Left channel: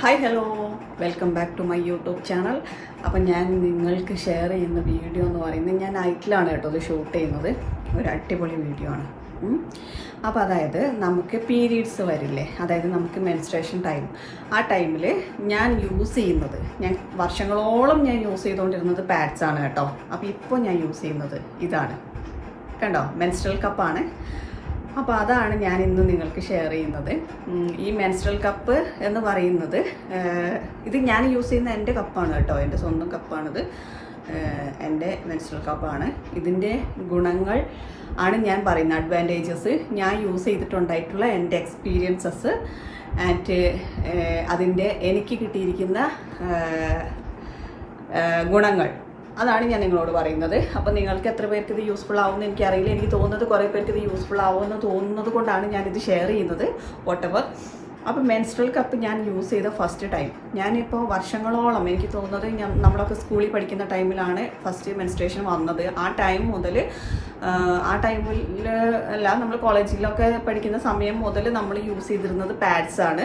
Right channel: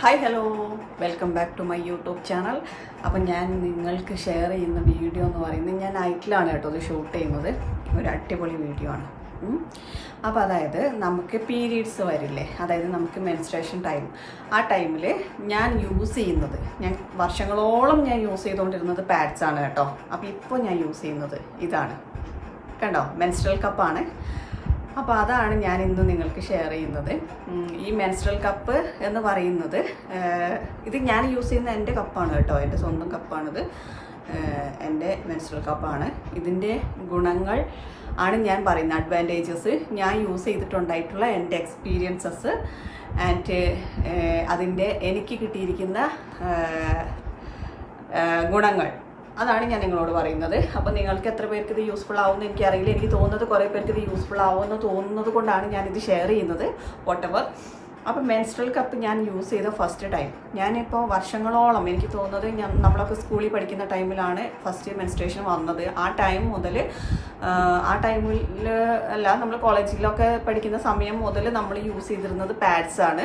Hi hello welcome back to my YouTube channel അപ്പം ഞാൻ നിങ്ങൾക്ക് ഷെയർ ചെയ്യുന്ന വീഡിയോ എന്ന് പറയുന്നത് ഞാൻ നൈറ്റിലാണ് കേട്ടോ ഇത് ഷൂട്ട് ചെയ്യുന്നത്. ഒരു അടിപൊളി വീഡിയോ ആണ്. അപ്പോൾ അതായത് നമുക്ക് പീരീഡ്സ് വരില്ലേ? അതായത് നമുക്ക് മെൻസ്ട്രേഷൻ ടൈം ആ ടൈമിൽ ഞാൻ യൂസ് ചെയ്യുന്നത്. ഞാൻ വർഷങ്ങളോളം ഞാൻ യൂസ് ചെയ്തുകൊണ്ടിരുന്നത് പാഡ്സ് ആണ് കേട്ടോ. അപ്പോൾ ഇപ്പോൾ ഞാൻ യൂസ് ചെയ്യുന്നത് ഇതാണ്. കണ്ടോ? മെൻസ്ട്രൽ കപ്പാണ് അപ്പോൾ അതാണ് ഞാൻ ഇന്ന് നിങ്ങൾക്ക് ഷെയർ ചെയ്യുന്നത്. ഈ മെൻസ്ട്രൽ കപ്പ് എന്ന് പറയുന്നത് ഇത് ഞാൻ യൂസ് ചെയ്യുന്ന എന്റെ കപ്പാണ് കേട്ടോ. എന്റെ സ്വന്തം കപ്പാണിത് എന്റെ മെൻസ്ട്രൽ കപ്പാണ് ഇതിന്റെ ഗുണങ്ങൾ ആണ് ഞാൻ പറയുന്നത്. അഡ്വാന്റേജസ് ഞാൻ യൂസ് ചെയ്തിട്ടുണ്ടായിട്ടുള്ള എന്റെ എക്സ്പീരിയൻസസ് ആൻഡ് അതിന്റെ എനിക്ക് കിട്ടിയിരിക്കുന്ന ഗുണങ്ങൾ. അതാണ് ഞാൻ നിങ്ങളോട് പറയുന്നത്. അപ്പോൾ നിങ്ങൾക്ക് എത്ര പേർക്ക് ഇത് യൂസ്ഫുൾ ആവുമെന്ന് എനിക്കറിയില്ല. എനിക്ക് തോന്നുന്നത് കുറേ പേർക്ക് ഇത് യൂസ്ഫുൾ ആവുമെന്ന് തോന്നുന്നത് കൊണ്ടാണ് ഞാനിത് ഷെയർ ചെയ്യുന്നത്. വോട്ടെവർ അപ്പോൾ മെൻസ്ട്രൽ കപ്പ് ഞാൻ യൂസ് ചെയ്ത ഫസ്റ്റ് ടൈം ഞാനിപ്പോൾ വർഷങ്ങളോളം എനിക്ക് തോന്നുന്നത് ഞാൻ നമ്മളൊക്കെ സ്കൂളിൽ പഠിക്കുന്ന ടൈമിലാണ് ഫസ്റ്റ് മെൻസ്ട്രേഷൻ വന്നത്. ആ ടൈം മുതൽ ആ ടൈമിൽ അല്ല നമ്മൾ കോളേജിലൊക്കെ പഠിക്കുന്ന സമയം മുതൽ നമ്മൾ യൂസ് ചെയ്തിരുന്നത് പാഡ്സ് ആണ്.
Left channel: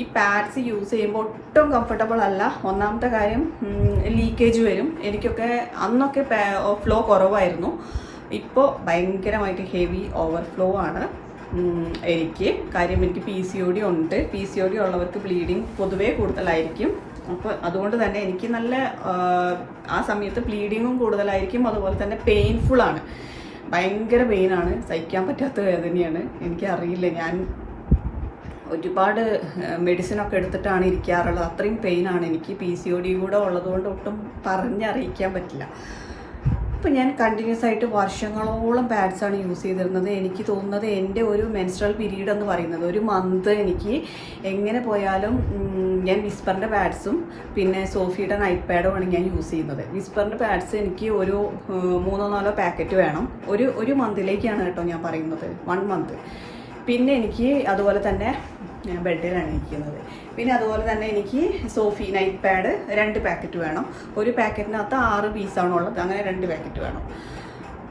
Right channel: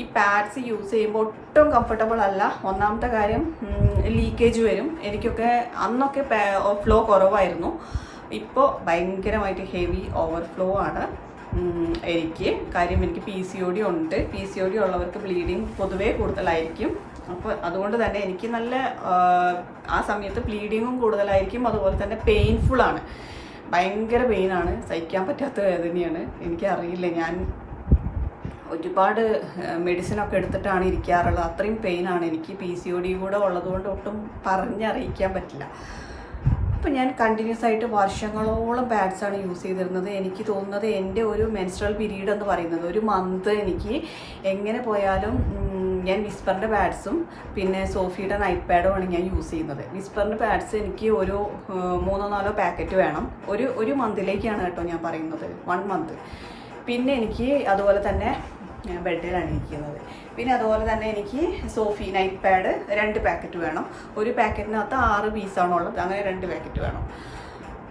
ഈ പാഡ്സ് യൂസ് ചെയ്യുമ്പോൾ ഒട്ടും കംഫർട്ടബിൾ അല്ല. ഒന്നാമത്തെ കാര്യം ലീക്കേജ് വരും. എനിക്കൊക്കെ അന്നൊക്കെ ഫ്ലോ കുറവായിരുന്നു. ഇപ്പോൾ ഭയങ്കരമായിട്ട് ഹെവി ഓവർഫ്ലോ ആണ്. എനിക്ക്. കാര്യം എനിക്ക് പി സി ഒ ഡി ഉണ്ട്. പി സി ഒ ഡി ഉള്ളവർക്ക് ബ്ലീഡിങ് പൊതുവേ കൂടുതലായിരിക്കും. അപ്പോൾ അതുകൊണ്ട് തന്നെ എനിക്ക് നല്ല ആ, സമയത്ത് ബ്ലീഡിങ്ങും കൂടുതലായിരിക്കും. അതുപോലെ തന്നെ പെയിൻഫുൾ ആണ്. ഭയങ്കര പെയിനാണ് സഹിക്കാൻ പറ്റാത്ത വേദനയാണ്. എനിക്കറിയില്ല. ഞാൻ ഒരുപാട് മെഡിസിനൊക്കെ എടുത്തിട്ടാണ് ഇരിക്കാറുള്ളത്. അത്രയും പെയിനാണ് എനിക്ക് പി സി ഒ ഡി കൂടെ ഉള്ളതുകൊണ്ട് ഒട്ടും പറഞ്ഞറിയിക്കാൻ പറ്റില്ല. അപ്പോൾ ഞാൻ കണ്ടിന്യൂസ് ആയിട്ട് വർഷങ്ങളോളം ആണ് യൂസ് ചെയ്തിരുന്നത്. എനിക്ക് തോന്നുന്നത് എന്റെ ഒരു മെൻസ്ട്രൽ പീരീഡ് എന്ന് പറയുന്നത് ഒരു മന്ത് എനിക്ക് എങ്ങനെ പോയാലും ഞാൻ വിസ്പറിന്റെ പാഡ്സും പിന്നെ സോഫിയുടെ നൈറ്റ് പാഡുമാണ് ഞാൻ യൂസ് ചെയ്യുന്നത്. വിസ്പറിന്റെ പാഡ്സ് എനിക്ക് ഒരു മൂന്നോ നാലോ പാക്കറ്റ് വേണം. ഒരു ഒരു മന്തിലേക്കാണ് കേട്ടോ ഞാൻ പറയുന്നത്. വൺ മന്ത് പിന്നെ എനിക്ക് അതുപോലെ തന്നെ ബെഡിലാണ് ഇരിക്കുന്നത്. പിന്നെ അതുപോലെ തന്നെ എനിക്ക് സോഫി നൈറ്റ് പാഡ് രണ്ട് പാക്കറ്റ് വേണം. ഒരു പാക്കറ്റിനകത്ത് ആറ് പീസാണുള്ളത് അങ്ങനെ രണ്ട് പാക്കറ്റ് വേണം.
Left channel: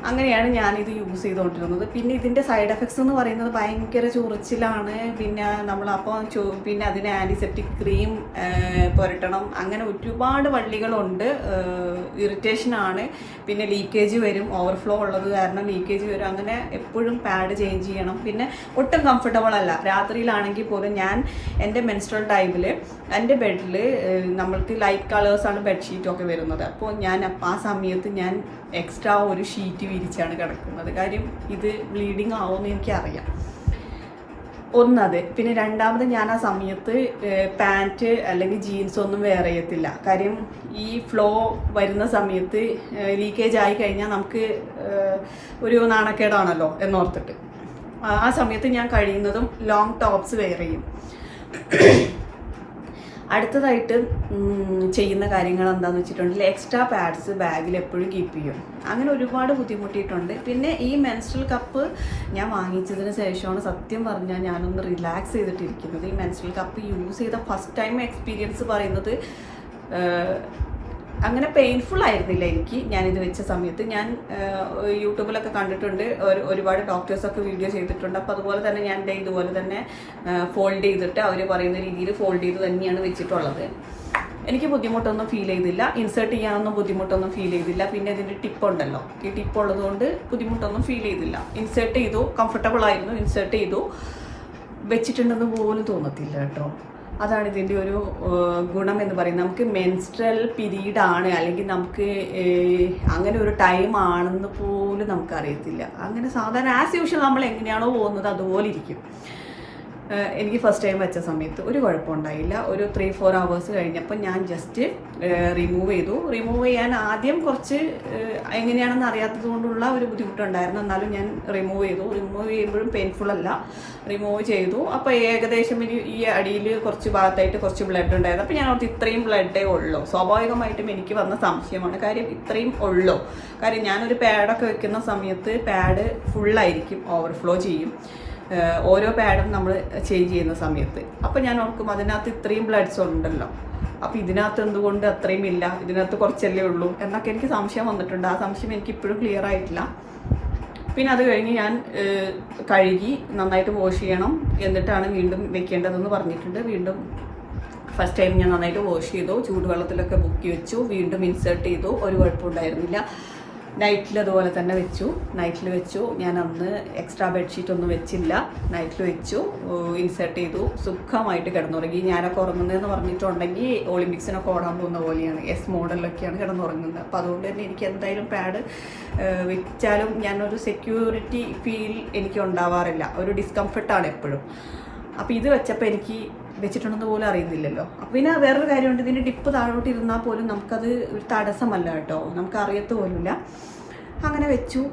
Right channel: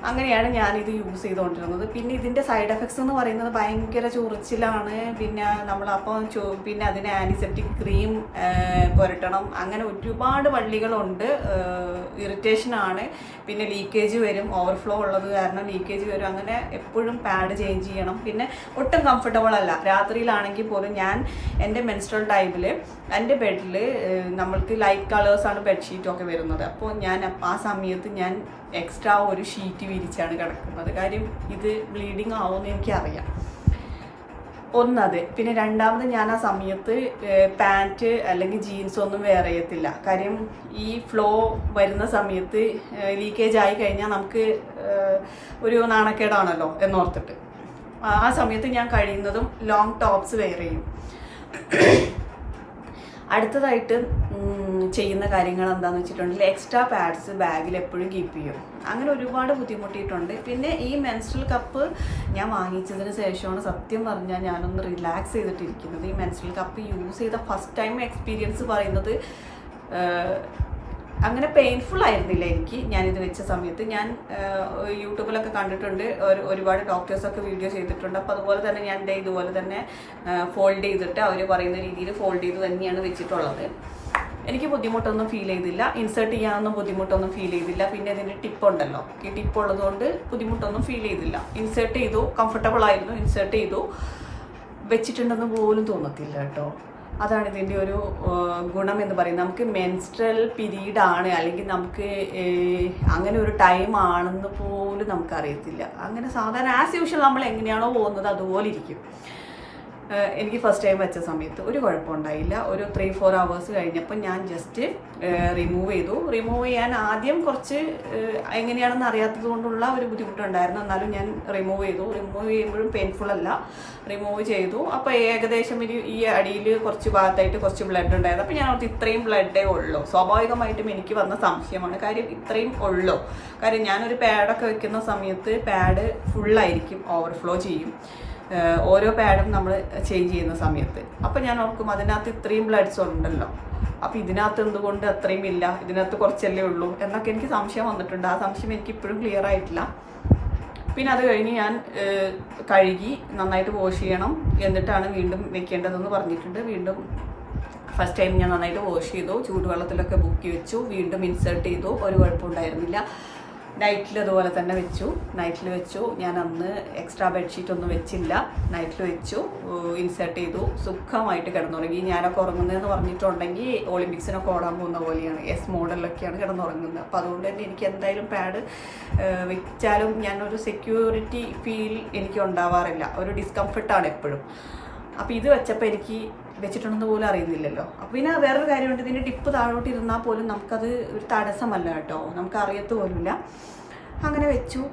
അങ്ങനെയാണ് ഞാനിത് യൂസ് ചെയ്തുകൊണ്ടിരുന്നത് പിന്നെ ഇതിന്റെ സൈഡ് എഫക്ട്സ് എന്ന് പറയുന്നത് ഭയങ്കര ചൊറിച്ചിലാണ്. പിന്നെ നമ്മളപ്പോൾ ചോ പിന്നെ അതിന് ആന്റിസെപ്റ്റിക് ക്രീം പുരട്ടണം. അങ്ങനെ ഒരുപാട് വള്ളികളുണ്ട്. ഇറിറ്റേഷനാണ് പിന്നെ ലീക്കേജ് വരും. ഓവർഫ്ലോ ഉള്ളത് കാരണം ലീക്കേജ് വരും. അങ്ങനെ എപ്പോഴും പാഡ് ചേഞ്ച് ചെയ്യണം. പിന്നെ ഒട്ടും കംഫർട്ടബിൾ അല്ല. രാത്രിയിലാണെങ്കിൽ പോലും ഞാൻ എന്റെ മെൻസ്ട്രൽ ടൈമിൽ എന്റെ ബെഡിൽ നമ്മൾക്ക് ലൈറ്റ് കളേഴ്സാണ് ബെഡ്ഷീറ്റൊക്കെ വരുന്നത്. അപ്പോൾ ഞാൻ ആ സമയത്ത് ഞാൻ എക്സ്ട്രാ ഒരു ഷീറ്റ് വിരിച്ചാണ് കിടക്കുന്നത്. കാര്യം ഇത് ബ്ലീഡിങ് ആവുമെന്ന് എനിക്കറിയാം. ഒന്നത്. പിന്നെ രണ്ടാമത് ഞാൻ ആ സമയത്ത് പാന്റ് അല്ലെങ്കിൽ ജീൻസ് ഒന്നും വെയർ ചെയ്യത്തില്ല. കാര്യം ഈ ഫ്ലോ വരുന്ന സമയത്ത് ലീക്കേജ് ആയി കഴിഞ്ഞാൽ നമുക്ക് ഒരു നാണക്കേടാണല്ലോ എന്നോർത്തിട്ട്. ആ- സമയത്ത് ഞാൻ കഴിയുന്നതും ലോങ് ടോപ്സ് വെയർ ചെയ്യും. അടുത്തതായിട്ട് ചെയ്യുന്ന കാര്യങ്ങൾ എന്താണെന്ന് വെച്ചിട്ടുണ്ടെങ്കിൽ എക്സ്ട്രാ പാഡ്സ് ബാഗിൽ എപ്പോഴും കീപ്പ് ചെയ്യും. അങ്ങനെ ഒരുപാട് ബുദ്ധിമുട്ടിയിട്ടുണ്ട്. പിന്നെ ഈ മെൻസ്ട്രൽ കപ്പ് ഞാൻ വാങ്ങിച്ചതിന് ശേഷമാണ് സത്യം പറഞ്ഞാൽ ഞാനൊന്ന് റിലാക്സ് ചെയ്തിട്ടിരിക്കുന്നത്. ഈ മെൻസ്ട്രൽ കപ്പ് യൂസ് ചെയ്ത ഫസ്റ്റ് ടൈം എക്സ്പീരിയൻസ് പറയുന്നത് അങ്ങനെ പെയിൻഫുൾ ആയിരുന്നില്ല എനിക്ക്. ഞാൻ ഇത് വെച്ച സമയത്ത് ഞാൻ യൂട്യൂബിലൊക്കെ കണ്ടിട്ടുണ്ട്. ഒരു ഒരുപാട് ഡോക്ടേഴ്സൊക്കെ വീഡിയോ ചെയ്തിട്ടുണ്ട്. അപ്പോൾ അതുപോലെ തന്നെ ഞാൻ ഇതുപോലെ തന്നെ ഫോൾഡ് ചെയ്തിട്ട് അവർ പറയുന്ന രീതിയിൽ ഫോൾഡ് ചെയ്ത് തന്നെയാണ് വെച്ചിട്ടുള്ളത്. എനിക്ക് ബുദ്ധിമുട്ടൊന്നും ഫീൽ ചെയ്തില്ല. ഇൻസേർട്ട് ചെയ്യാനൊന്നും ബുദ്ധിമുട്ടൊന്നും ഫീൽ ചെയ്തില്ല. പിന്നെ ഇതിന്റെ ടിപ്പ് ഉണ്ടല്ലോ. ഈ ടിപ്പ് ഉള്ളതുകൊണ്ട് ബുദ്ധിമുട്ടൊന്നും ഫീൽ ചെയ്തില്ല. ഇൻസേർട്ട് ചെയ്തു കംഫർട്ടബിൾ ആയിരുന്നു. ഇൻസേർട്ട് ചെയ്തു. വെച്ചിട്ടുണ്ടെന്ന് പോലും തോന്നത്തില്ല കേട്ടോ. അതാണ് ഇതിന്റെ ഒരു ഗുണം എന്ന് പറയുന്നത്. നമുക്ക് മെൻസ്ട്രൽ പീരീഡ് ആണ് അല്ലെങ്കിൽ നമുക്ക് അങ്ങനെ ഒരു ടൈം ആണെന്ന് പോലും നമുക്കറിയത്തില്ല. അങ്ങനെ സാധാരണ ആസ് യൂഷ്വൽ നമ്മൾ എങ്ങനെയാണോ പോകുന്നത് അതുപോലെ ഇരിക്കും. എനിക്ക് ഫസ്റ്റ് ടൈം വെച്ച സമയത്ത് ഒരു കുഴപ്പമുണ്ടായില്ല. ഒരു ത്രീ ഫോർ അവേഴ്സ് കഴിഞ്ഞപ്പോൾ ഞാൻ ജസ്റ്റ് റിമൂവ് ചെയ്തു. റിമൂവ് ചെയ്യാൻ ആദ്യം കുറച്ച് എങ്ങനെയാണെന്ന് അറിയാത്തത് കൊണ്ടുള്ള ഒരു ബുദ്ധിമുട്ടുണ്ടായിരുന്നു. എന്നാലും ഞാൻ റിമൂവ് ചെയ്തു. റിമൂവ് ചെയ്യുമ്പോഴും പെയിൻഫുൾ അല്ല. റിമൂവ് ചെയ്തു. അപ്പോൾ ഏകദേശം ഒരു ഈ അടിയിൽ കുറച്ച് ഭാഗത്തായിട്ട് കുറച്ച് ബ്ലഡ് ഉണ്ടായിരുന്നു. അപ്പോൾ ഞാൻ ഓർത്ത് ഇത്രയും ബ്ലഡേ ഉള്ളൂ. സ്വാഭാവികമായിട്ടും എനിക്ക് വന്ന സംശയമാണ്. കാര്യം ഇത്രയും ഉള്ളൂ. കാര്യം ഞാനൊരു പാഡൊക്കെ വെക്കുന്ന സമയത്ത് പാഡ് ഫുള്ളായിരിക്കും ഓവർഫ്ലോ ചെയ്യും. ഓരോ പാഡും നമ്മൾ ചേഞ്ച് ചെയ്യുന്ന സമയത്ത്. അപ്പം ഞാൻ ഓർക്കും അതിനകത്ത് ഇത്രയും ബ്ലഡ്സ് ഉണ്ടല്ലോ. അപ്പം ഇതിനകത്ത് എന്തുകൊണ്ട് അത്രയും ഇല്ല? ഇതിനകത്ത് കുറച്ചല്ലേ ഉള്ളൂ? എന്നൊക്കെ എനിക്ക് സംശയം വന്നിട്ടുണ്ട്. ആ സംശയം എനിക്ക് ഇപ്പോഴും ക്ലിയർ ആയിട്ടില്ല. പിന്നെ അത് കഴിഞ്ഞ് ഞാൻ കഴുകി നന്നായിട്ട് വാഷ് ചെയ്യണം എന്നിട്ടാണ് വീണ്ടും വെക്കേണ്ടതെന്ന് പറഞ്ഞിട്ടുണ്ട്. വീണ്ടും ഫസ്റ്റ് ടൈം ഞാൻ നന്നായിട്ട് വാഷ് ചെയ്തു. ചൂടുവെള്ളത്തിലൊക്കെ ബുക്കി വെച്ചു. വീണ്ടും ഇൻസേർട്ട് ചെയ്തു. ഒരു കുഴപ്പമുണ്ടായിരുന്നില്ല. നൈറ്റിൽ അതുപോലെ തന്നെ വെച്ചു. നൈറ്റിൽ വെച്ചു. ഞാൻ അന്ന് എക്സ്ട്രാ ബെഡ്ഷീറ്റ് ഒന്നും വെച്ചില്ല. നൈറ്റിൽ വെച്ചു. ഇൻസേർട്ട് ചെയ്തു. സുഖമായിട്ട് കിടന്നുറങ്ങി. ഞാനൊക്കെ ഉറങ്ങുന്നതെന്ന് പറഞ്ഞിട്ടുണ്ടെങ്കിൽ ഒളിമ്പിക്സിനൊക്കെ ഓടാൻ പോകുന്ന പോലെയാണ്. എസ് മോഡലിലൊക്കെയാണ് കിടന്നുറങ്ങുന്നത്. അപ്പോൾ അതുകൊണ്ട് തന്നെ എനിക്ക് എന്തായാലും പാഡ് വെച്ചാലും ഞാനൊരു സെക്യൂരിറ്റി ഫീൽ എനിക്ക് ഉണ്ടാവാറില്ല. ഒരു ഡിസ്കംഫർട്ടാണ് എപ്പോഴും. അപ്പോൾ ഇത് വെച്ചപ്പോൾ എനിക്ക് വെച്ചിട്ടുണ്ടെന്ന് പോലും അറിയുന്നില്ലല്ലോ. അപ്പോൾ പിന്നെ വേറൊരു കാര്യമുണ്ട് ഇതിന്റെ ടിപ്പ് താഴോട്ട് ഇരുന്നാൽ പോലും നമുക്കത് ഒരു തടസ്സമല്ല കേട്ടോ. നമുക്ക് അറിയത്ത് പോലുമില്ല. അങ്ങനെ വെച്ചു.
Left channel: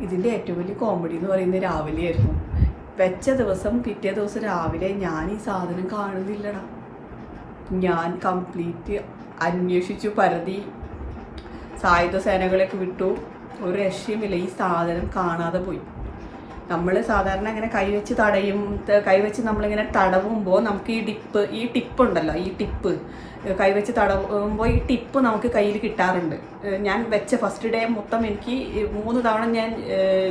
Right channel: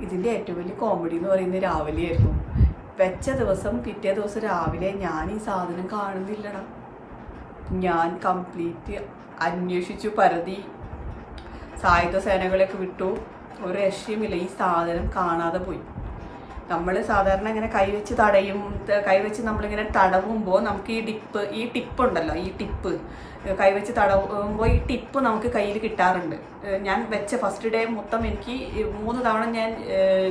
ഇതിന്റെ ഏറ്റവും വലിയ കോമഡി എന്ന് പറയുന്നത് രാവിലെയായിരുന്നു വെച്ച ദിവസം പിറ്റേ ദിവസം രാവിലെ ഞാൻ ഈ സാധനം കാണുന്നില്ലടാ. ഞാൻ കംപ്ലീറ്റ് അന്വേഷിച്ചു പരതി. സായുധ സേനകളെയൊക്കെ വിട്ടു. ഒരു രക്ഷയുമില്ല. ഈ സാധനം കാണാതെ പോയി. നമ്മൾ സാധാരണ ഇങ്ങനെ കൈവച്ച് തടയും കൈവച്ച് നമ്മളിങ്ങനെ തടവുമ്പോൾ നമുക്ക് ഈ ടിപ്പ് ഈ ടിപ്പ് ഉണ്ടല്ലോ ഈ ടിപ്പ്. കൈവച്ച് തടവുമ്പോൾ ഈ ടിപ്പ് നമുക്ക് കയ്യിൽ കിട്ടാറുണ്ട്. ഞാൻ വെച്ച ഫസ്റ്റ് ഡേ മൊത്തം എനിക്ക് മൂന്ന് തവണ ഞാൻ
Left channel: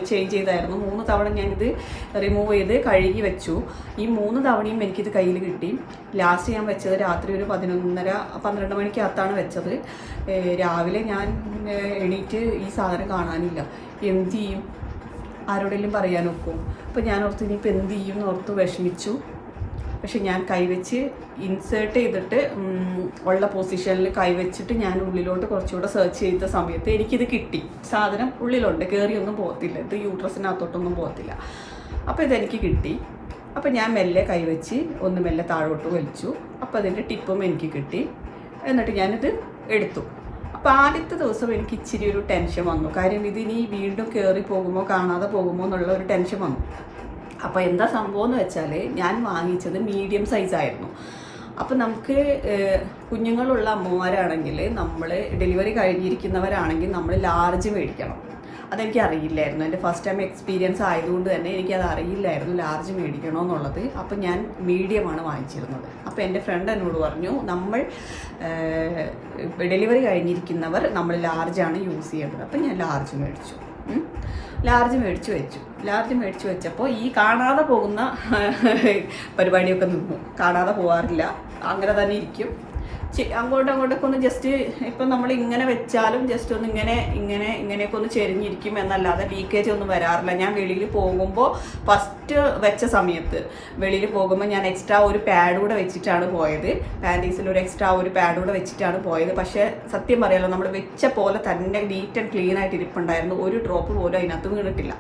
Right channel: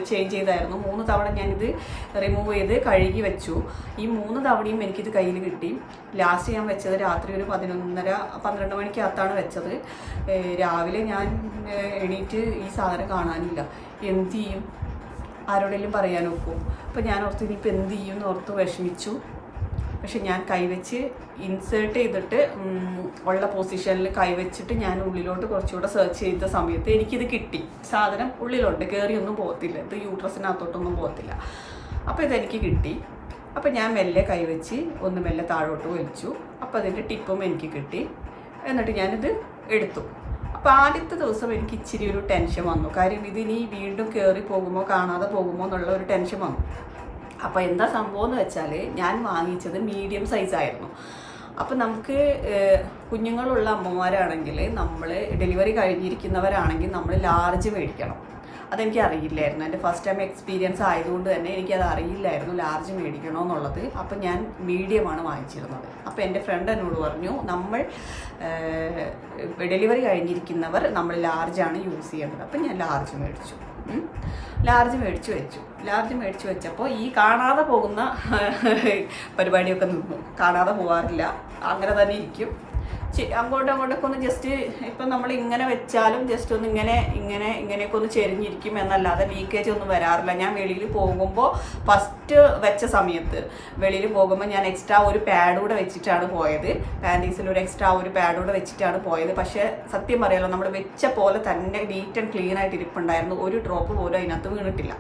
ചേഞ്ച് ചെയ്തായിരുന്നു. മൂന്ന് തവണ ഞാനിത് റിമൂവ് ചെയ്ത് കഴുകി വെച്ചു. ഈ മൂന്ന് തവണയും എനിക്കിത് കയ്യിൽ കിട്ടി. ലാസ്റ്റ് ഞാൻ വെച്ചത് രാത്രി ഒരു പതിനൊന്നര പന്ത്രണ്ട് മണിക്കകത്താണ് വെച്ചത്. രാവിലെ ഞാൻ എണീറ്റ് ഈ സാധനം കാണാനില്ല. എന്ത് ചെയ്യും? ആരോടെങ്കിലും പറയാൻ ഒക്കും? അപ്പോൾ ഞാൻ ഓർത്ത് ഇനിയിപ്പോൾ എന്ത് ചെയ്യും എന്ന് ഓർത്ത് വിഷമിച്ചു. പക്ഷെ ഞാൻ കൈവച്ച് ഇൻസേർട്ട് ചെയ്തിട്ട് ഉള്ള പൊസിഷനിൽ കൈവച്ചിട്ട് ഞാൻ ഉള്ളിലോട്ട് കുറച്ചുകൂടെ സെർച്ച് ചെയ്ത സമയത്ത് എനിക്കിത് കിട്ടി. സാധനം ഉള്ളിലുണ്ട് കയറിയൊന്നും പോകത്തില്ല. ഇത് യൂട്രസിനകത്തോട്ടൊന്നും പോകത്തില്ല. അപ്പോൾ ഇതെനിക്ക് കിട്ടി. അപ്പോൾ ഞാൻ മെല്ലെ കൈവച്ച് ഒന്ന് മെല്ലെ താഴോട്ട് വലിച്ചു. അപ്പോൾ അതിന്റെ ടിപ്പും എനിക്ക് കിട്ടി. എന്നിട്ട് ഞാനിത് എടുത്തു. അപ്പോൾ ആദ്യത്തെ ദിവസം എനിക്ക് ഇച്ചിരി ഒരു ടെൻഷൻ വന്നു. കാര്യം ഇതിനി വീണ്ടും കയറി പോകുമോ കാണാതെ പോകുമോ എന്നുള്ള ഒരു ടെൻഷൻ വന്നു. അപ്പോൾ എന്താ സംഭവം എന്ന് വെച്ചാൽ ഞാൻ വാങ്ങിച്ചത് മീഡിയം സൈസ് ആയിരുന്നു. അപ്പം നമുക്ക് കുഞ്ഞുങ്ങളുള്ള അമ്മമാരാണെങ്കിൽ നമ്മൾ ഡെലിവറി കഴിഞ്ഞിരിക്കുന്നവരാണെങ്കിൽ നമ്മൾ ലാർജ് മേടിക്കണം. അതെനിക്ക് അറിയില്ലായിരുന്നു. എന്റെ ഫസ്റ്റ് ടൈം എക്സ്പീരിയൻസ് ആയതുകൊണ്ട് തന്നെ എനിക്കത് അറിയില്ലായിരുന്നു ലാർജ് മേടിക്കണോ എന്നുള്ളത് അപ്പം ഞാൻ മീഡിയമാണ് വാങ്ങിച്ചിരുന്നത്. അപ്പോൾ എന്റെ ഫ്രണ്ട് എന്നോട് പറഞ്ഞു നമ്മൾ ഡെലിവറി കഴിഞ്ഞിരിക്കുന്നവർ നമ്മൾ ലാർജാണ് യൂസ് ചെയ്യേണ്ടത്. അപ്പം ഞാൻ ലാർജ് മേടിച്ചു. ലാർജ് മേടിച്ചു വെച്ചു. ലാർജ് മേടിച്ചു വെച്ചപ്പോൾ ഈ കാണാതെ പോകുന്ന പരിപാടിയൊക്കെ നിന്നു. കാണാതെ പോകാറില്ല അങ്ങനെ തന്നെ ഇരിക്കും. അങ്ങോട്ടും അങ്ങോട്ടൊക്കെ ഒന്ന് ജസ്റ്റ് ഇപ്പം നമ്മൾ ഇങ്ങനെ വെച്ചാലും ജസ്റ്റ് ഒന്ന് ഇങ്ങനെ ഇങ്ങനെ ഇങ്ങനെയൊക്കെ ഒന്ന് ചെരിഞ്ഞിരിക്കും എന്നല്ലാതെ ലീക്കേജ് ഒന്നും വരാറില്ല. ഞാൻ വെളിയിൽ പോകുമ്പോൾ ഫസ്റ്റ് വെച്ച സമയത്ത് വെളിയിൽ പോകുമ്പോൾ ഞാൻ എക്സ്ട്രാ ഒരു പാഡ് കൂടെ വെച്ചിട്ടാണ് പോയത്. പാന്റീസിൽ ഒരു എക്സ്ട്രാ ഒരു പാഡ് കൂടെ വെച്ചിട്ടാണ് പോയത്. പക്ഷേ സത്യം പറയാലോ നമ്മൾ വെച്ച പോലെ തന്നെ നീറ്റ് ആൻഡ് ക്ലീൻ ആയിട്ട് ഇരിപ്പുണ്ടായിരുന്നു. ഒരു ഡ്രോപ്പ് പോലും അതിനകത്ത് വീണിട്ടില്ല.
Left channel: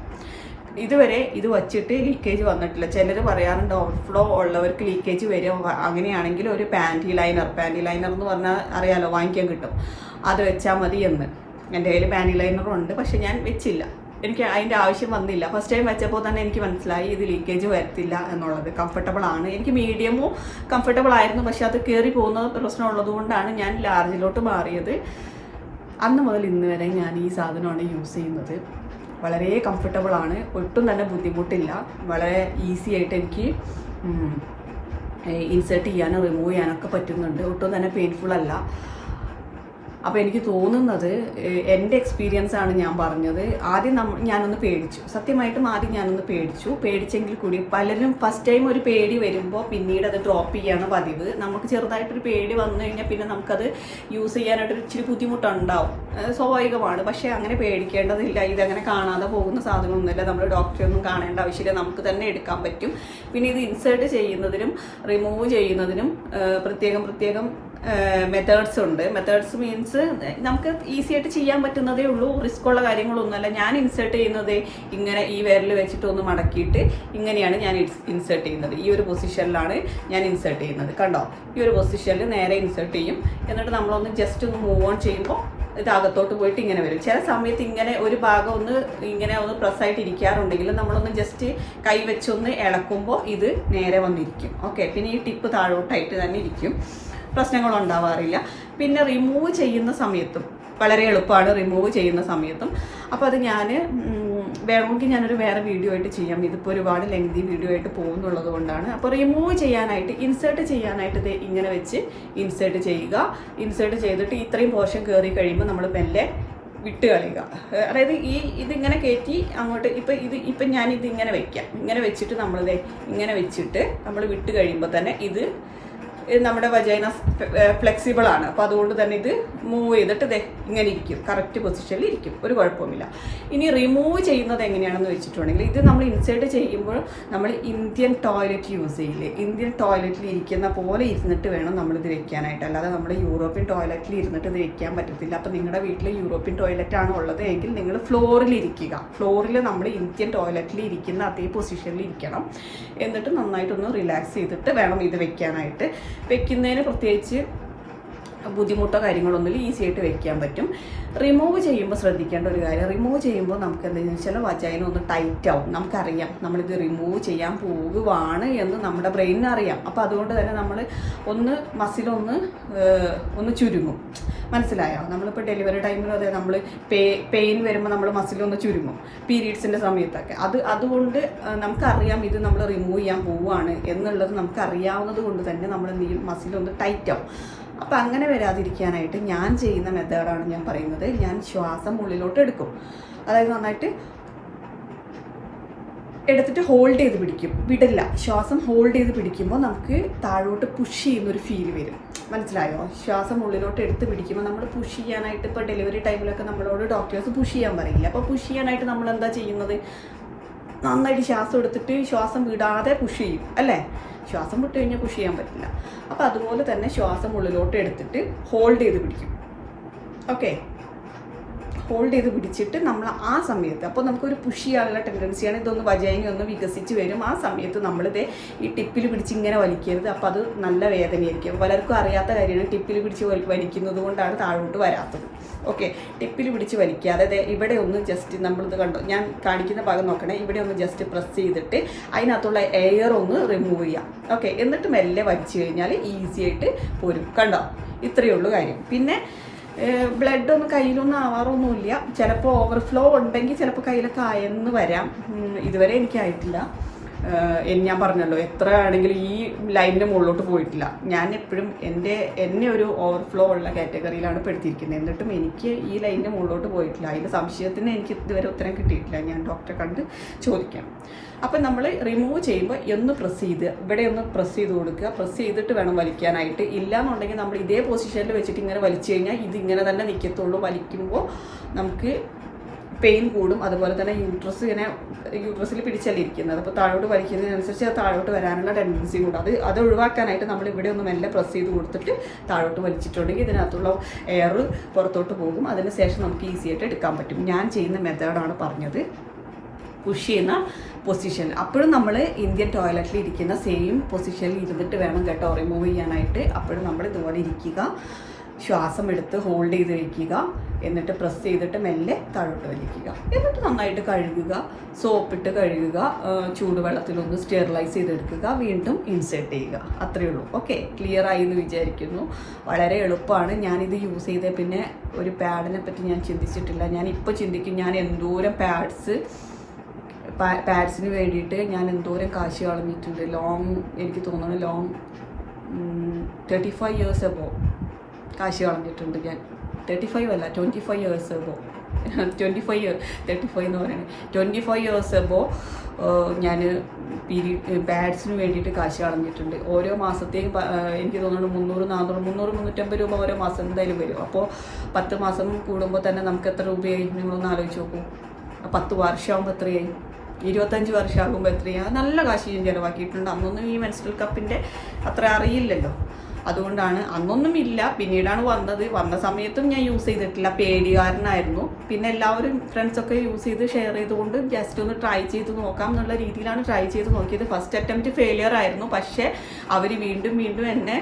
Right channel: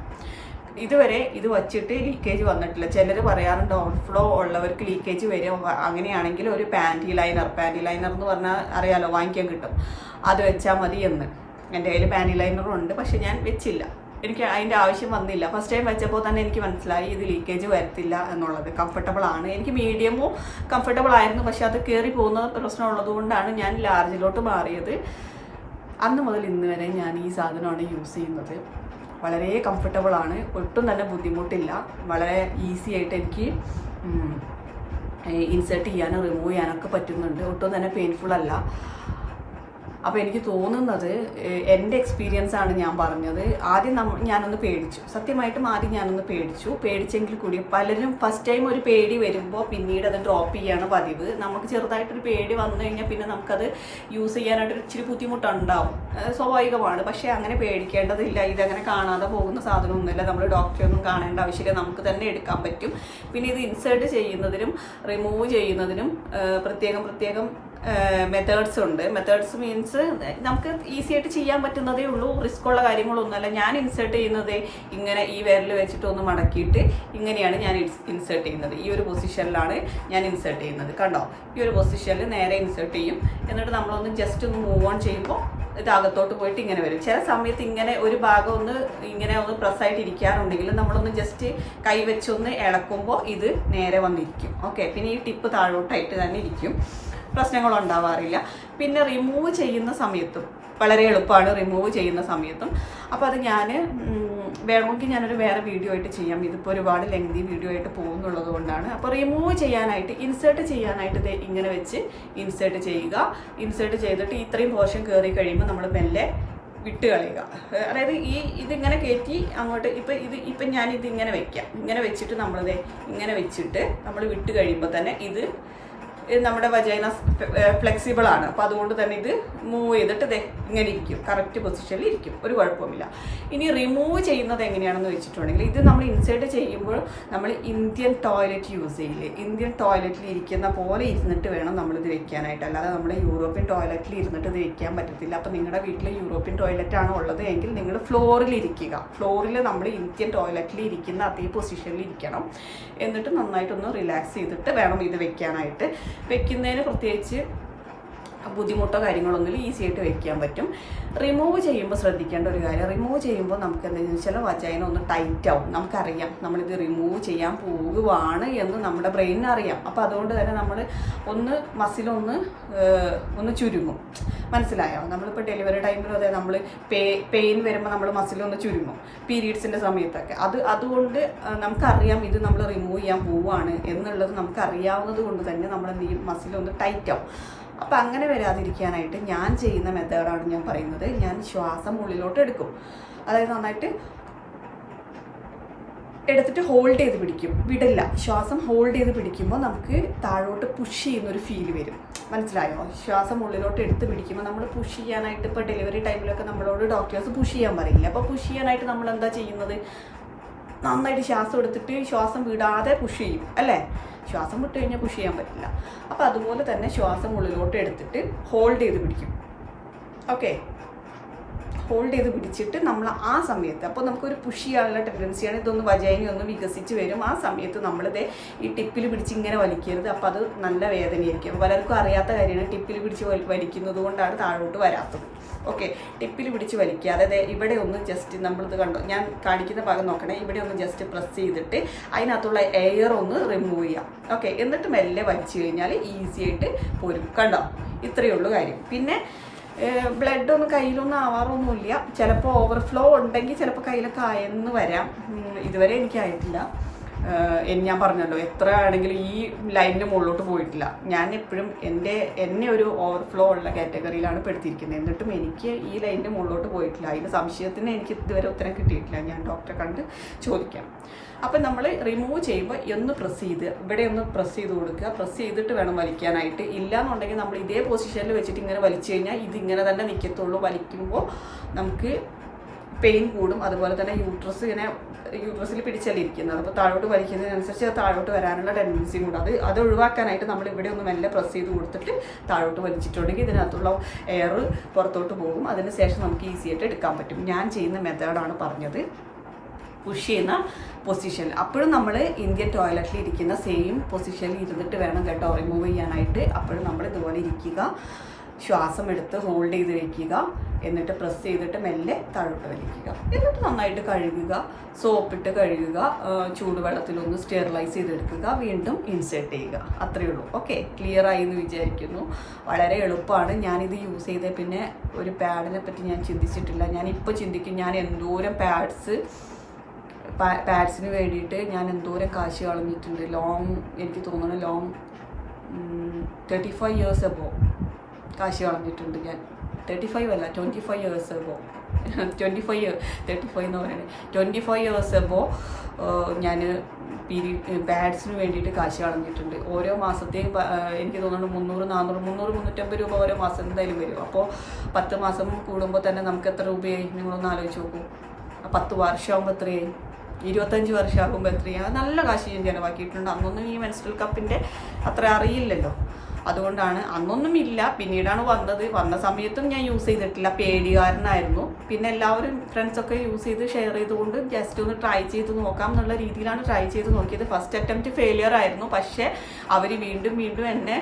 ഇതുവരെ ഇത് വച്ചിട്ട് ലീക്കേജ് വന്നിട്ടില്ല. ചിലർ പറയാറുണ്ട് ഓവർഫ്ലോ ഉള്ളവർക്ക് ലീക്കേജ് വരും. അങ്ങനെയാണെങ്കിൽ ഒരു പാന്റി ലൈനർ പാന്റി ലൈനർ എന്ന് പറഞ്ഞാൽ അറിയാലോ വാങ്ങിക്കാൻ കിട്ടും. അത് വെച്ചാൽ മതി എന്ന്. എന്റെ കയ്യിൽ പാന്റി ലൈനറും ഉണ്ട് പക്ഷെ ഞാൻ വെച്ചില്ല. എനിക്ക് അതിന്റെ ആവശ്യം വന്നില്ല. ഫസ്റ്റ് ടൈം വെച്ചപ്പോൾ തന്നെ എനിക്ക് മനസ്സിലായി ഇത് ലീക്കേജ് വരത്തില്ല എന്നുള്ളത്. കംഫർട്ടബിൾ ആണ്. എനിക്ക് മീഡിയമോ കംഫർട്ടബിൾ ആയിരുന്നു പക്ഷെ അത് കയറി പോകുന്ന പ്രശ്നമുള്ളത് കൊണ്ടാണ് ഞാൻ ലാർജിലോട്ട് മാറിയത്. അന്ന് മുതൽ ഇന്ന് വരെ ഞാൻ ഈ സാധനമാണ് യൂസ് ചെയ്യുന്നത്. വളരെ കംഫർട്ടബിൾ ആണ്. ഒട്ടും തന്നെ ബുദ്ധിമുട്ടില്ല. വളരെ ഈസി ആയിട്ട് എനിക്ക് ഇൻസേർട്ട് ചെയ്യാനും റിമൂവ് ചെയ്യാനൊക്കെ പറ്റുന്നുണ്ട്. ഒട്ടും തന്നെ പെയിൻഫുൾ അല്ല. അപ്പോൾ എനിക്ക് തോന്നുന്നത് എന്റെ എക്സ്പീരിയൻസ് ആണ് ഞാൻ പറഞ്ഞത്. ആദ്യം നമ്മ ഞാനൊന്ന് പേടിച്ചു. സത്യമായിട്ടും ആദ്യം ഞാനൊന്ന് പേടിച്ചു. പേടിച്ചെങ്കിൽ കൂടി പലരും ഫസ്റ്റ് ടൈം ഒരു പേടി വരുമ്പോൾ പിന്നീട് അത് ഡ്രോപ്പ് ചെയ്യാണ് പതിവ്. നമുക്ക് ചെറുതായിട്ടൊരു പേടി വന്നു കഴിഞ്ഞാൽ പിന്നെ നമുക്കത് യൂസ് ചെയ്യാനായിട്ടൊരു ഇച്ചിരി ബുദ്ധിമുട്ടുണ്ടാവും. സ്വാഭാവികമാണ്. പക്ഷേ അങ്ങനെ പേടിക്കേണ്ടതില്ല. ഇതങ്ങനെ കാണാതെ പോകുന്ന സാധനമൊന്നുമില്ല. നമ്മൾ ഡോക്ടറെയൊന്നും കാണേണ്ട ആവശ്യമില്ല. നമുക്ക് തന്നെ എടുക്കാൻ പറ്റും. പിന്നെ ഇത് ഇൻസേർട്ട് ചെയ്യുന്നതിനും റിമൂവ് ചെയ്യുന്നതിനും പ്രത്യേകം പ്രത്യേകം മെത്തേഡ്സ് ഉണ്ട്. മെത്തേഡ്സ് മീൻസ് നമുക്ക് ഈസി ആയിട്ട് ചെയ്യാൻ പറ്റുന്നതേ ഉള്ളൂ. റിസ്ക് ഉള്ള കാര്യങ്ങളൊന്നുമല്ല. ഞാൻ ഇൻസേർട്ട് ചെയ്യുന്നത് ഇങ്ങനെ ഈ വിരൽ വെച്ചിട്ട് ഒന്ന് മടക്കിയിട്ട് ഇങ്ങനെയാണ് ഞാൻ ഇൻസേർട്ട് ചെയ്യുന്നത്. ഈ ഒരു പൊസിഷനിലാണ് ഞാൻ ഇൻസേർട്ട് ചെയ്യുന്നത്. കണ്ടോ? ഈ ഒരു പൊസിഷനിൽ നേരെ ഇൻസേർട്ട് ചെയ്യും. എന്നിട്ട് നമ്മളൊന്ന് ജസ്റ്റ് ഒന്ന് മൂവ് ഓൺ ചെയ്യുമ്പോൾ ഇത് അകത്തോട്ട് പോയിട്ട് ഇങ്ങനെ വരും. ചില സമയത്ത് ഇങ്ങനെ ഒരു ഭാഗം ഒന്ന് ഇങ്ങനെ ഒന്ന് പ്രസ്സായിട്ട് ഇരിക്കാറുണ്ടെങ്കിൽ നമ്മളൊന്ന് ജസ്റ്റ് കൈ വെച്ചൊന്ന് ഇളക്കുമ്പോൾ ഇത് നേരെ വന്നിരിക്കും. ഓക്കെ പിന്നെ ഈ ടിപ്പ് താഴോട്ടായിട്ട് തന്നെ ഇരിക്കും. പ്രശ്നങ്ങൾ ഉണ്ടാവാറില്ല. പിന്നെ റിമൂവ് ചെയ്യുന്ന സമയത്തും വളരെ എളുപ്പമാണ് റിമൂവ് ചെയ്യുന്ന സമയത്തും. അപ്പോൾ അത് ഞാൻ വേണമെങ്കിൽ ഞാനൊരു വേറെ വീഡിയോ ആയിട്ട് ചെയ്യാം. ഇതിപ്പോൾ ഒരുപാട് ലെങ്തി വീഡിയോ ആയിട്ട് പോകുന്നുള്ളത് കൊണ്ടാണ്. അപ്പോൾ റിമൂവ് ചെയ്യാനായിട്ട് ഇൻസേർട്ട് ചെയ്യാനായിട്ട് ദേ ഇങ്ങനെ വെച്ച് ഇൻസേർട്ട് ചെയ്യുക. ഇൻസേർട്ട് ചെയ്തിട്ട് ഇത്രയും പോർഷൻ കയറി കഴിയുമ്പോൾ നമ്മൾ മെല്ലെ വിട്ട് കളയുക. അതായത് ഈ ഇതിങ്ങനെ കയറ്റി അങ്ങോട്ട് ഇപ്പം ഇത് ഇപ്പം ഞാൻ ഇത് ഇങ്ങനെ വെക്കാം. ഇങ്ങനെ വെച്ചിട്ട് നമ്മളിത് ഇങ്ങനെ വെച്ചിട്ട് നമ്മൾ വിട്ട് കഴിയുമ്പോൾ തന്നെ ഇത് ഇത് നമ്മുടെ വജൈന ഫ്ലെക്സിബിൾ ആണ്. അപ്പോൾ അതുകൊണ്ട് തന്നെ ഇത് മൂവ് ചെയ്തിട്ട് ദേ ഇങ്ങനെ ഇരിക്കും. കറക്റ്റ് പൊസിഷനിൽ ഇരിക്കും. ഒരു കുഴപ്പമില്ല ഇനി റിമൂവ് ചെയ്യുന്നത് എങ്ങനെയാണെന്ന് വെച്ചിട്ടുണ്ടെങ്കിൽ ഇത് നമ്മൾ ഇൻസേർട്ട് ചെയ്യുമ്പോൾ നമ്മൾ ഇന്ത്യൻ ടോയ്ലറ്റ് യൂസ് ചെയ്യില്ലേ? ഇന്ത്യൻ ടോയ്ലറ്റിൽ ഇരിക്കുന്ന പോലെ ഇരുന്നിട്ട് വേണം നമ്മളിത് വെക്കാനായിട്ട്. അല്ലാതെ നമ്മൾ യൂറോപ്യൻ ടോയ്ലറ്റിൽ ഇരുന്നിട്ട് ഇത് വെക്കാൻ പറ്റത്തില്ല. അപ്പോൾ നിങ്ങളുടെ വീട്ടിൽ യൂറോപ്യൻ ടോയ്ലറ്റ് ആണ് ഉള്ളത് എങ്കിൽ നിങ്ങൾ ഫ്ലോറിൽ ഇരിക്കുക. ഫ്ലോറിൽ നമ്മൾ ഇന്ത്യൻ ടോയ്ലറ്റിൽ ഇരിക്കുന്ന അതേ പൊസിഷനിൽ ഇരിക്കണം. എന്നിട്ട് നന്നായിട്ടൊന്ന് റിലാക്സ് ചെയ്തിട്ട് വേണം ഇത് വെക്കാനായിട്ട്. വെക്കുന്നതിന് പ്രത്യേകിച്ച് ബുദ്ധിമുട്ടോ കാര്യങ്ങളൊന്നുമില്ല ഈസി ആയിട്ട് വെക്കാൻ പറ്റും. റിമൂവ് ചെയ്യുമ്പോൾ ശ്രദ്ധിക്കേണ്ട ഒരു കാര്യം റിമൂവ് ചെയ്യുമ്പോൾ നമുക്ക് എന്താണെന്ന് വെച്ചാൽ വജൈന ഒന്ന് ടൈറ്റ് ആവും. നമുക്കറിയാം നമ്മളിത് റിമൂവ് ചെയ്യാൻ പോകുവാണ് എന്ന് നമ്മുടെ ബ്രെയിനിന് അറിയാം. അപ്പോൾ അതുകൊണ്ട് തന്നെ നമ്മൾ ഒന്ന് മസിലൊന്ന് ഒന്ന് ചുരുങ്ങും. മനസ്സിലായോ? നമ്മളിപ്പോൾ ഡെലിവറി ടൈമിൽ അതെ നമ്മൾ പേ പെയിൻ വരുമ്പോൾ നമ്മൾ മസിലൊന്ന് ചുരുങ്ങും. പീരീഡ്സിന്റെ സമയത്തൊക്കെ. അത് അതുകൊണ്ട് നമുക്കറിയാം ഇത് നമ്മൾ റിമൂവ് ചെയ്യാൻ പോവുകയാണ് എന്നുള്ളത് നമുക്കറിയാവുന്നത് കൊണ്ട് തന്നെ നമ്മൾ എന്ത് മസിലൊന്ന് ടൈറ്റ് ആവും. അപ്പം അങ്ങനെ വരാതിരിക്കാനായിട്ട് ഞാൻ ചെയ്യുന്ന മെത്തേഡാണ് ഞാൻ പറയുന്നത്. ഞാൻ ശ്വാസം ഉള്ളിലോട്ട് എടുക്കും. അതായത് നന്നായിട്ട് എടുത്തിട്ട് ഹോൾഡ് ചെയ്ത് പിടിക്കും. വിടില്ല. ശ്വാസം ഹോൾഡ് ചെയ്ത് പിടിക്കുമ്പോൾ നമുക്ക് താഴോട്ട് പുഷ് ചെയ്യുന്ന ഒരു ഫീൽ വരും. മനസ്സിലായോ? ശ്വാസം ഉള്ളിലോട്ട് എടുത്ത് പിടിക്കുമ്പോൾ നമ്മൾ പുഷ് ചെയ്യാനായിട്ട് ഇപ്പോൾ ഡെലിവറി ടൈമിലൊക്കെ നമ്മളോട് ഡോക്ടേഴ്സ് പുഷ് ചെയ്യാൻ പറയില്ല. അപ്പോൾ പുഷ് ചെയ്യാനായിട്ട് നമ്മൾ എന്താ ചെയ്യുന്നത്? നന്നായിട്ട് ശ്വാസം എടുത്തിട്ട് ശ്വാസം വിടാതെ പുഷ് ചെയ്യും. അല്ലേ? ശ്വാസം വിട്ട് കഴിഞ്ഞാൽ പുഷ് ചെയ്യാൻ പറ്റില്ല. അപ്പോൾ അതുപോലെ തന്നെ ശ്വാസം ഉള്ളിലോട്ട് എടുത്തിട്ട് ഹോൾഡ് ചെയ്ത് പിടിക്കും. ഓക്കെ ഹോൾഡ് ചെയ്ത് പിടിച്ചിട്ട് നമ്മൾ ആ സമയത്ത് അപ്പോൾ നമുക്കൊരു പുഷ് ചെയ്യാനുള്ള ടെൻഡൻസിയാണ് ഇതൊന്ന് വജൈനി ഒന്ന് വികസിച്ച് വരും. ആ സമയത്ത് നമ്മളിത് ഈ ടിപ്പിൽ പിടിച്ച് ഇങ്ങനെ വലിക്കരുത്. അപ്പോൾ അത് നല്ല വേദനയായിരിക്കും. പലർക്കും അറിയാത്ത കാര്യമാണ് ടിപ്പിൽ പിടിച്ച് വലിക്കുന്നത് കൊണ്ടാണ് താഴോട്ട് വരാത്തത്. ഓക്കെ. ടിപ്പിൽ പിടിച്ച് വലിക്കാതെ ഇവിടെ ഒന്ന് ജസ്റ്റ് നമ്മളിത് കണ്ടോ? ഞാൻ കാണിക്കുന്ന ഭാഗം നോക്കണേ. ഇവിടെ ഒന്ന് ജസ്റ്റ് പ്രസ് ചെയ്തിട്ട് അതിനകത്തുള്ള എയർ ഒന്ന് റിമൂവ് ചെയ്യാം ഓക്കെ. എന്നിട്ട് മെല്ലെ വലിച്ചു കഴിഞ്ഞാൽ ഈസി ആയിട്ട് പോരും. കണ്ടോ? ഇത്രയേ ഉള്ളൂ കാര്യം. പിന്നെ ബ്ലഡ് ഒന്നും കയ്യിലൊന്നും ആവാറൊന്നുമില്ല. ചിലപ്പോൾ ഓവർഫ്ലോ ഉണ്ടെങ്കിൽ ചിലപ്പോൾ കയ്യിലൊക്കെ ആയെന്ന് വരാം. ഇതുവരെ എനിക്കായിട്ടില്ല. ഞാൻ പറഞ്ഞല്ലോ എത്ര ആണെങ്കിലും ഈ ലൈനിന്റെ മുകളിലോട്ട് പോയിട്ടില്ല. ഞാൻ എപ്പോഴും എന്റെ എന്നെ ഒരു ഓവർഫ്ലോ ഉള്ള കാറ്റഗറിയിലാണ് പെടുത്തിയിരിക്കുന്നത്. എന്നിട്ടും എനിക്ക് ഈ ലൈനിന്റെ മുകളിലോട്ട് പോയിട്ടില്ല. അതിന്റെ സംശയത്തിന് എനിക്ക് ഇതുവരെ ഉത്തരം കിട്ടിയിട്ടില്ല. ഞാൻ ഡോക്ടറെ കണ്ട് ചോദിക്കാം. അപ്പം നമ്മൾ റിമൂവ് ചെയ്യുമ്പോൾ ഒന്ന് പ്രസ് ചെയ്ത് ഇവിടെ ഒന്ന് പ്രസ് ചെയ്ത് കൊടുക്കുക. പ്രസ് ചെയ്തിട്ട് വേണം വലിക്കാനായിട്ട്. ഇല്ലാന്നുണ്ടെങ്കിൽ നമ്മൾ ഇതേ പൊസിഷനിൽ വെച്ചിട്ട് ഇങ്ങനെ വലിച്ചു കഴിഞ്ഞാൽ ഇത് ഇങ്ങനെ തന്നെ നിൽക്കത്തുള്ളൂ വലിക്കുമ്പോൾ നമുക്ക് പെയിൻ കൂടും. അതുപോലെ തന്നെ യൂട്രസ് ഇങ്ങനെ യൂട്രസിൽ പിടിച്ചല്ലേ ഇരിക്കുന്നത് അപ്പോൾ താഴോട്ട് വലിക്കുന്നതിനനുസരിച്ച് അത് താഴോട്ട് വരാനുള്ള ടെൻഡൻസി കൂടും അത് അത് ഒഴിവാക്കാനായിട്ട് നമ്മൾ ഇവിടെ ഒന്ന് മെല്ലെ പ്രസ് ചെയ്ത് കൊടുത്തിട്ട് താഴോട്ട് വലിച്ചിട്ടുണ്ടെങ്കിൽ ഇതിനകത്തുള്ള എയർ പുറത്തോട്ട് പോകും. അതിന് ശേഷം നമുക്ക് ഈസി ആയിട്ട് എടുക്കാൻ പറ്റും. ഞാൻ ചെയ്യുന്ന മെത്തേഡാണ് പറഞ്ഞത്. പുഷ് ചെയ്യുന്ന പൊസിഷൻ അപ്പോഴും നമ്മൾ ഇന്ത്യൻ ടോയ്ലറ്റിൽ ഇരിക്കുന്ന സെയിം പൊസിഷനിൽ ഇരുന്നിട്ട് വേണം കേട്ടോ റിമൂവ് ചെയ്യാനായിട്ട്. അപ്പോഴും നമ്മൾ ഇതുപോലെ ഇരിക്കുക. ശ്വാസം എടുത്ത് ഹോൾഡ് ചെയ്ത് വയ്ക്കുക എന്നിട്ട് പ്രസ് ചെയ്തിട്ട് മെല്ലെ താഴോട്ട് വലിക്കുക. എന്നിട്ട് നന്നായിട്ട് കഴുകുക. സോപ്പിട്ട് കഴുകുക. ചൂടുവെള്ളത്തിലൊന്ന് സ്റ്റെറിലൈസ് ചെയ്തെടുക്കുക. വീണ്ടും ഇൻസേർട്ട് ചെയ്യുക. അത്രയേ ഉള്ളൂ. ഓക്കെ ക്ലിയർ ആയി എന്ന് വിചാരിക്കുന്നു. വളരെ എളുപ്പമാണ്. ഞാനിത് യൂസ് ചെയ്ത പിന്നെ ഒരു പാഡിനെ പറ്റി ഞാൻ ചിന്തിച്ചിട്ടില്ല. ഞാൻ ഇപ്പോൾ ചിന്തിക്കും ഞാൻ എന്തോരം പാഡ്സ് പാഡ്സിന് വേണ്ടിയിട്ട് ഞാൻ എന്തോരം കാശ് കളഞ്ഞിട്ടുണ്ട്. ലോങ് എനിക്ക് തോന്നുന്നു long thirty five years above കാശ് കളഞ്ഞിട്ടുണ്ട് ഞാൻ. തേർട്ടി ഫൈവ് അല്ല twenty five years above twenty five year thirty five എന്ന് പറയുന്നത്. ട്വന്റി ഫൈവ് ഇയേഴ്സ് എബോ ഞാൻ പിരി പാഡ്സിന് വേണ്ടിയിട്ട് കാശ് കളഞ്ഞിട്ടുണ്ട്. ഓരോ മാസത്തെയും എനിക്ക് തോന്നുന്നു മുന്നൂറ് നാനൂറ് മുന്നൂറ് മുന്നൂറ്റമ്പത് രൂപ ഓരോ മാസം എന്തായാലും വരും. അപ്പോൾ പത്ത് മാസം കൂടുമ്പോൾ തന്നെ നമുക്ക് എത്ര രൂപയായി? നിങ്ങളൊന്ന് ആലോചിച്ച് നോക്കൂ. പത്ത് വർഷമാകുമ്പോൾ എത്രയായി? ഇരുപത്തഞ്ച് വർഷമാകുമ്പോൾ എത്രയാണ് നല്ല കാശ് ഞാൻ ചിലവാക്കിയിട്ടുണ്ട്. അന്നൊന്നും ഈ മെൻസ്ട്രൽ കപ്പിന്റെ അത്ര അറിയില്ലല്ലോ. അതുകൊണ്ടാണ് അന്നൊന്നും ഇല്ല. പിന്നീടാണ് വന്നത്. വന്ന സമയത്തും ഞാൻ യൂസ് ചെയ്തിട്ടില്ല. പേടികാരനായിരുന്നു. പിന്നെ എല്ലാവരും ഫ്രണ്ട്സൊക്കെ യൂസ് ചെയ്ത് ഷെയർ ചെയ്തുകൊണ്ട് ജസ്റ്റ് ഒന്ന് ട്രൈ ചെയ്ത് നോക്കാം എന്നുള്ള രീതിയിലാണ് ട്രൈ ചെയ്ത് നോക്കിയത്. ഫസ്റ്റ് അറ്റംപ്റ്റ് ഫെയിലിയർ ആയിരുന്നു. പക്ഷേ അവർ വീണ്ടും വീണ്ടും എന്നെ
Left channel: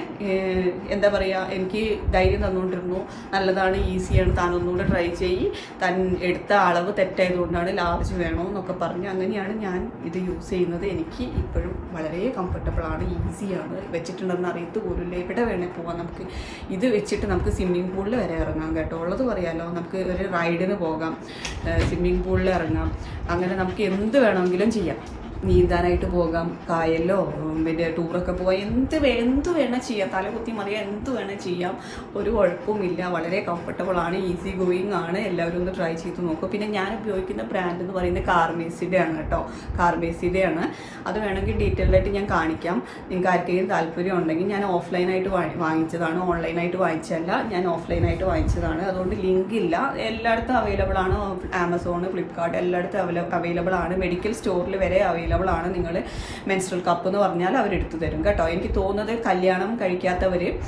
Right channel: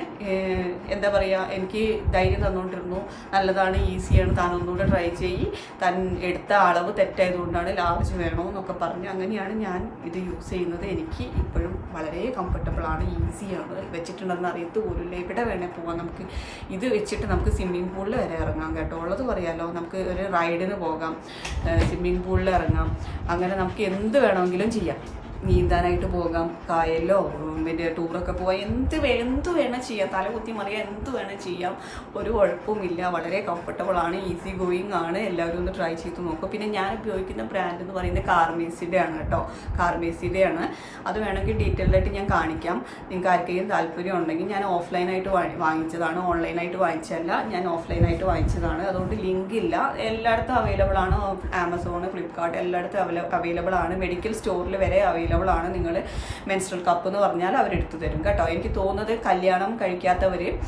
എന്താ പറയുക എനിക്ക് ധൈര്യം തന്നുകൊണ്ടിരുന്നു നല്ലതാണ് ഈസിയാണ് താൻ ഒന്നുകൂടെ ട്രൈ ചെയ്യി. താൻ എടുത്ത അളവ് തെറ്റായതുകൊണ്ടാണ് ലാർജ് വേണമെന്നൊക്കെ പറഞ്ഞ് അങ്ങനെയാണ് ഞാൻ ഇത് യൂസ് ചെയ്യുന്നത്. എനിക്ക് ഇപ്പോഴും വളരെ കംഫർട്ടബിൾ ആണ് ഈസിയാണ്. വെച്ചിട്ടുണ്ടെന്ന് അറിയത്ത് പോലും എവിടെ വേണേൽ പോവാം. നമുക്ക് ഇത് വെച്ചിട്ട് നമുക്ക് സ്വിമ്മിംഗ് പൂളിൽ വരെ ഇറങ്ങാം കേട്ടോ. ഉള്ളത് പറയാലോ നമുക്ക് ഒരു റൈഡിന് പോകാം. സ്വിമ്മിംഗ് പൂളിൽ ഇറങ്ങാം. അങ്ങനെ നമുക്ക് എന്ത് വേണമെങ്കിലും ചെയ്യാം. നീന്താനായിട്ട് പോകാം. കായലിലോ ഉം, പിന്നെ ടൂറൊക്കെ പോകാം എന്ത് എന്ത് വേണം ചെയ്യാം. തലകുത്തി മറിയാം എന്ത് വേണം ചെയ്യാം. ഒരു കുഴപ്പമില്ല വളരെ കംഫർട്ടബിൾ ആണ്. ഈസി ഗോയിങ് ആണ്. എല്ലാവരും ഒന്ന് ട്രൈ ചെയ്ത് നോക്കും. പിന്നെ ഞാൻ ഉപയോഗിക്കുന്ന ബ്രാൻഡ് എന്ന് പറയുന്നത് കാർമേസിന്റെ ആണ് കേട്ടോ. കാർമേസിന്റെ ആണ്. അത് വേണമെങ്കിൽ ഡീറ്റെയിൽഡ് ആയിട്ട് ഞാൻ കാണിക്കാം. നിങ്ങൾക്ക് ആർക്കെങ്കിലും താല്പര്യം ഉണ്ടെങ്കിൽ ഞാൻ ഓഫ്ലൈനായിട്ട് വാങ്ങിച്ചതാണ്. ഓൺലൈനായിട്ട് വാങ്ങിച്ചതല്ല. ഞാൻ ഓഫ്ലൈനായിട്ട് വാങ്ങിച്ചതാണ്. അതുകൊണ്ട് ലിങ്ക് ഇല്ല. എല്ലായിടത്തും അവൈലബിൾ ആണ്. ആമസോൺ ഫ്ലിപ്കാർട്ട് എല്ലായിടത്തും അവൈലബിൾ ആണ്. മെഡിക്കൽ സ്റ്റോറിൽ വരെ അവൈലബിൾ ആണ്. നിങ്ങൾ മെൻസ്ട്രൽ കപ്പ് എന്ന് പറഞ്ഞാൽ അവർ എടുത്തു തരും കേട്ടോ. എനിക്ക് തോന്നുന്നത് കല്യാണം കഴിക്കാത്തവർ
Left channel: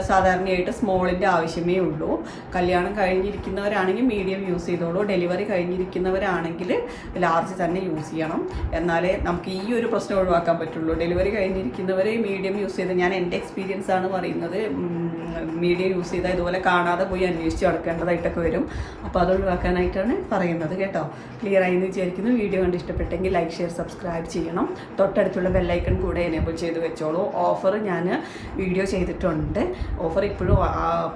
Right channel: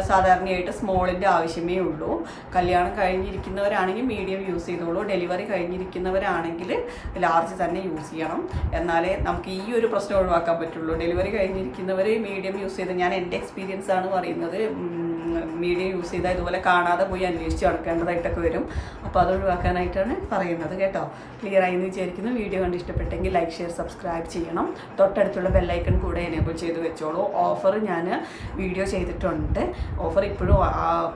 സാധാരണയായിട്ട് സ്മോളിന്റെ ആവശ്യമേ ഉള്ളൂ. കല്യാണം കഴിഞ്ഞിരിക്കുന്നവരാണെങ്കിൽ മീഡിയം യൂസ് ചെയ്തോളൂ. ഡെലിവറി കഴിഞ്ഞിരിക്കുന്നവരാണെങ്കിൽ ലാർജ് തന്നെ യൂസ് ചെയ്യണം. എന്നാലേ നമുക്ക് ഈ ഒരു പ്രശ്നം ഒഴിവാക്കാൻ പറ്റുള്ളൂ. ഡെലിവറി കഴിഞ്ഞിരിക്കുന്നവർ മീഡിയം യൂസ് ചെയ്ത് ഞാൻ എന്റെ എക്സ്പീരിയൻസ് ആണ് പറയുന്നത്. മീഡിയം യൂസ് ചെയ്താൽ ഇതുപോലെ കാണാതെ പോയി അന്വേഷിച്ച് നടക്കേണ്ടതായിട്ടൊക്കെ വരും. അപ്പോൾ അത് ഒഴിവാക്കാനായിട്ടാണ് പറയുന്നത് കേട്ടോ. ക്ലിയർ ആയി എന്ന് വിചാരിക്കുന്നു. വീഡിയോ കണ്ട് ഇഷ്ടപ്പെട്ടെങ്കിൽ ലൈക്ക് ഷെയർ സബ്സ്ക്രൈബ് ചെയ്യണം. തൊട്ടടുത്തുള്ള ബെല്ലൈക്കൺ കൂടെ എനേബിൾ ചെയ്ത് വെച്ചോളൂ. ഓഫർ ഞാൻ വീഡിയോ ചെയ്തിട്ടുണ്ട്. ഓഫർ ഇപ്പോഴും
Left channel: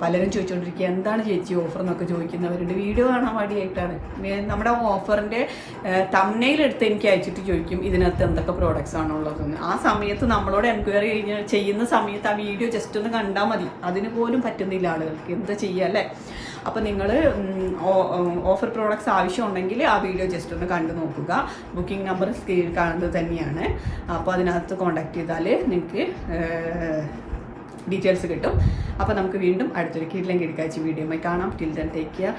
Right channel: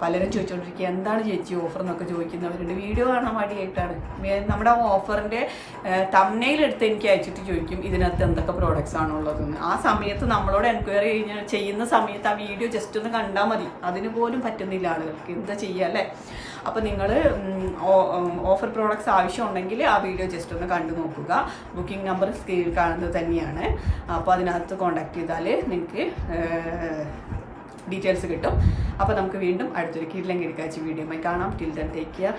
പലരും ചോദിച്ചുകൊണ്ടിരിക്കുക എന്താണ് ചേച്ചി ഓഫർ എന്നൊക്കെ ചോദിക്കുന്നവരുണ്ട്. വീഡിയോ കാണാൻ വേണ്ടിയായിട്ടാണ് നമ്മുടെ ഓഫറിന്റെ തമ്മയിലെടുത്ത് എനിക്ക് അയച്ചിട്ട് ചോദിക്കും ഇതിനകത്ത് എന്തൊക്കെ പ്രോഡക്റ്റ്സ് ആണുള്ളതെന്ന് ആ സമയത്ത് നമ്മളോട് എൻക്വയറി ചെയ്യുന്ന സമയത്ത് ആ വീഡിയോ ജസ്റ്റ് ഒന്ന് കണ്ടാൽ മതി. അതിന് പറ്റുന്നില്ല ആളുകൾക്ക്. എന്താ ചെയ്യുക അല്ലേ? അപ്പോൾ നിങ്ങൾ ഓഫർ പ്രോഡക്ട്സ് ആവശ്യമുണ്ടെങ്കിൽ ആ വീഡിയോ ജസ്റ്റ് ഒന്ന് കണ്ടു നോക്കുക. ബുക്കിംഗ് നമ്പർ സ്ക്രീനിൽ കാണുന്നത് തന്നെയാണ്. അപ്പോൾ അതിനകത്ത് കോൺടാക്ട് ചെയ്താൽ നിങ്ങൾക്ക് ഡീറ്റെയിൽസ് കിട്ടും. അപ്പോൾ നമുക്ക് വീണ്ടും അടുത്തൊരു കിടിലം കിടക്കാഴ്ച വീഡിയോയുമായി കാണാം. Till then take care